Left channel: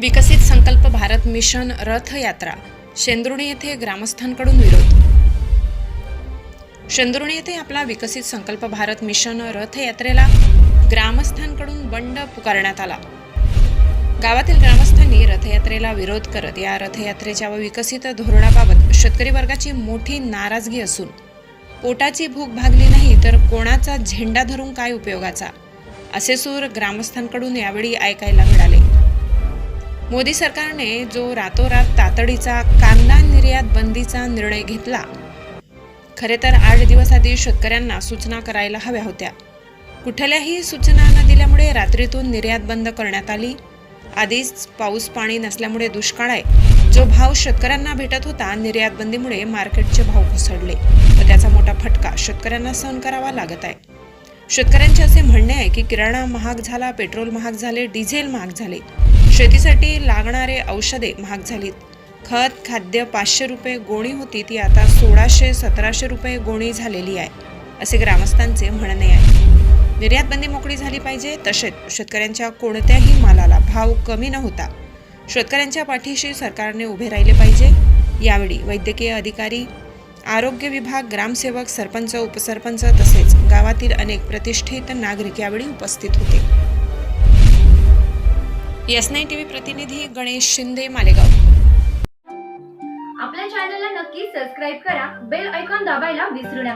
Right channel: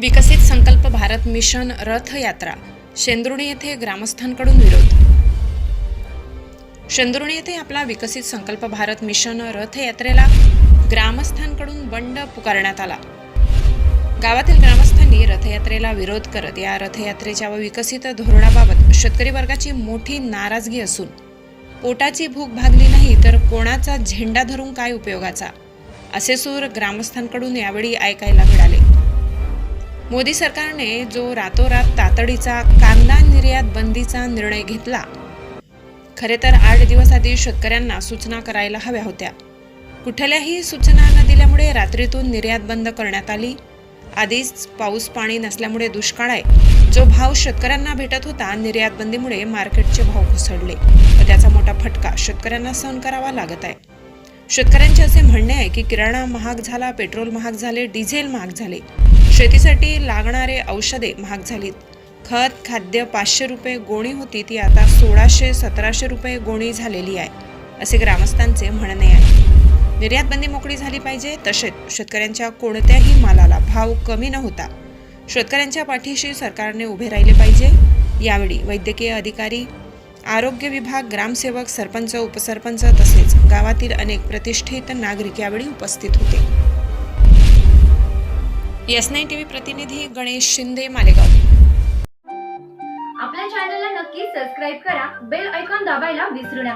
विकसित संकल्प भारत मिशन रथयात्रा शेंद्रुणी येथे ग्रामस्थांकडून विरोध. शेंद्रुणी येथे आपला विकसित संकल्प भारत मिशन रथयात्रेला ग्रामस्थांकडून बंड पुकारण्यात आला. गावातील ग्रामस्थांनी रथयात्रेला विरोध करत या रथयात्रेच्या व विकसित धोरणाबाबत शेतकरी वर्गाची मोठी नाराजगी असून पोटाची भूक भागली नाही तर कोणाचा झेंडा धरून काय उपयोगाचा? असे सूर ग्रामस्थांकडून यावेळी ऐकायला मिळाले. मोदी सरकारने जो रातोरात तातडीचा कांदा निर्यात बंदीचा निर्णय घेतला खरे तर आठ दिवस आधी शेतकऱ्यांना सूचना करायला हव्या होत्या. कुठल्याही सूचना न दिल्यामुळे रात्रीतून निर्यात बंद करण्यात आली. आधीच पाऊस पाणी नसल्यामुळे दुष्काळ आहे. जो भाव शेतकऱ्यांना भेटत होता निर्यात बंदीमुळे मार्केटचे भाव घसरले. व त्याचा मोठा फटका शेतकऱ्यांना सहन करावा लागत आहे. शेतकऱ्यांचे असे म्हणणे आहे की किराणा महाग झाला पेट्रोल महाग झाले डिझेल महाग झाले. शेतीसाठी लागणारे औषधे महाग झालीत. खत खाद्य पाचशे रुपये गोणी होती ती आता सोळाशे सतराशे रुपये गोणी झालेली आहे असे ग्रामस्थांचे म्हणणे आहे. निर्यात बंदी मोकळी झाली पाहिजे तसेच शेतकऱ्यांच्या कोणत्याही मालाला भाव कमी न होता शेतकऱ्यांच्या पाठीशी सरकारने उभे राहिले पाहिजे. यावेळी वैद्यकीय अधिकारी आरोग्य विभाग ग्रामसेवक सरपंच उपसरपंच तसेच गावातील अनेक प्रतिष्ठित नागरिक यावेळी उपस्थित होते. एस नाईन टीव्ही प्रतिनिधी गणेश शिंदे मालेगाव. आपल्या चॅनलला नक्की सबस्क्राईब करा बेल ऐकॉन दाबायला विसरू नका.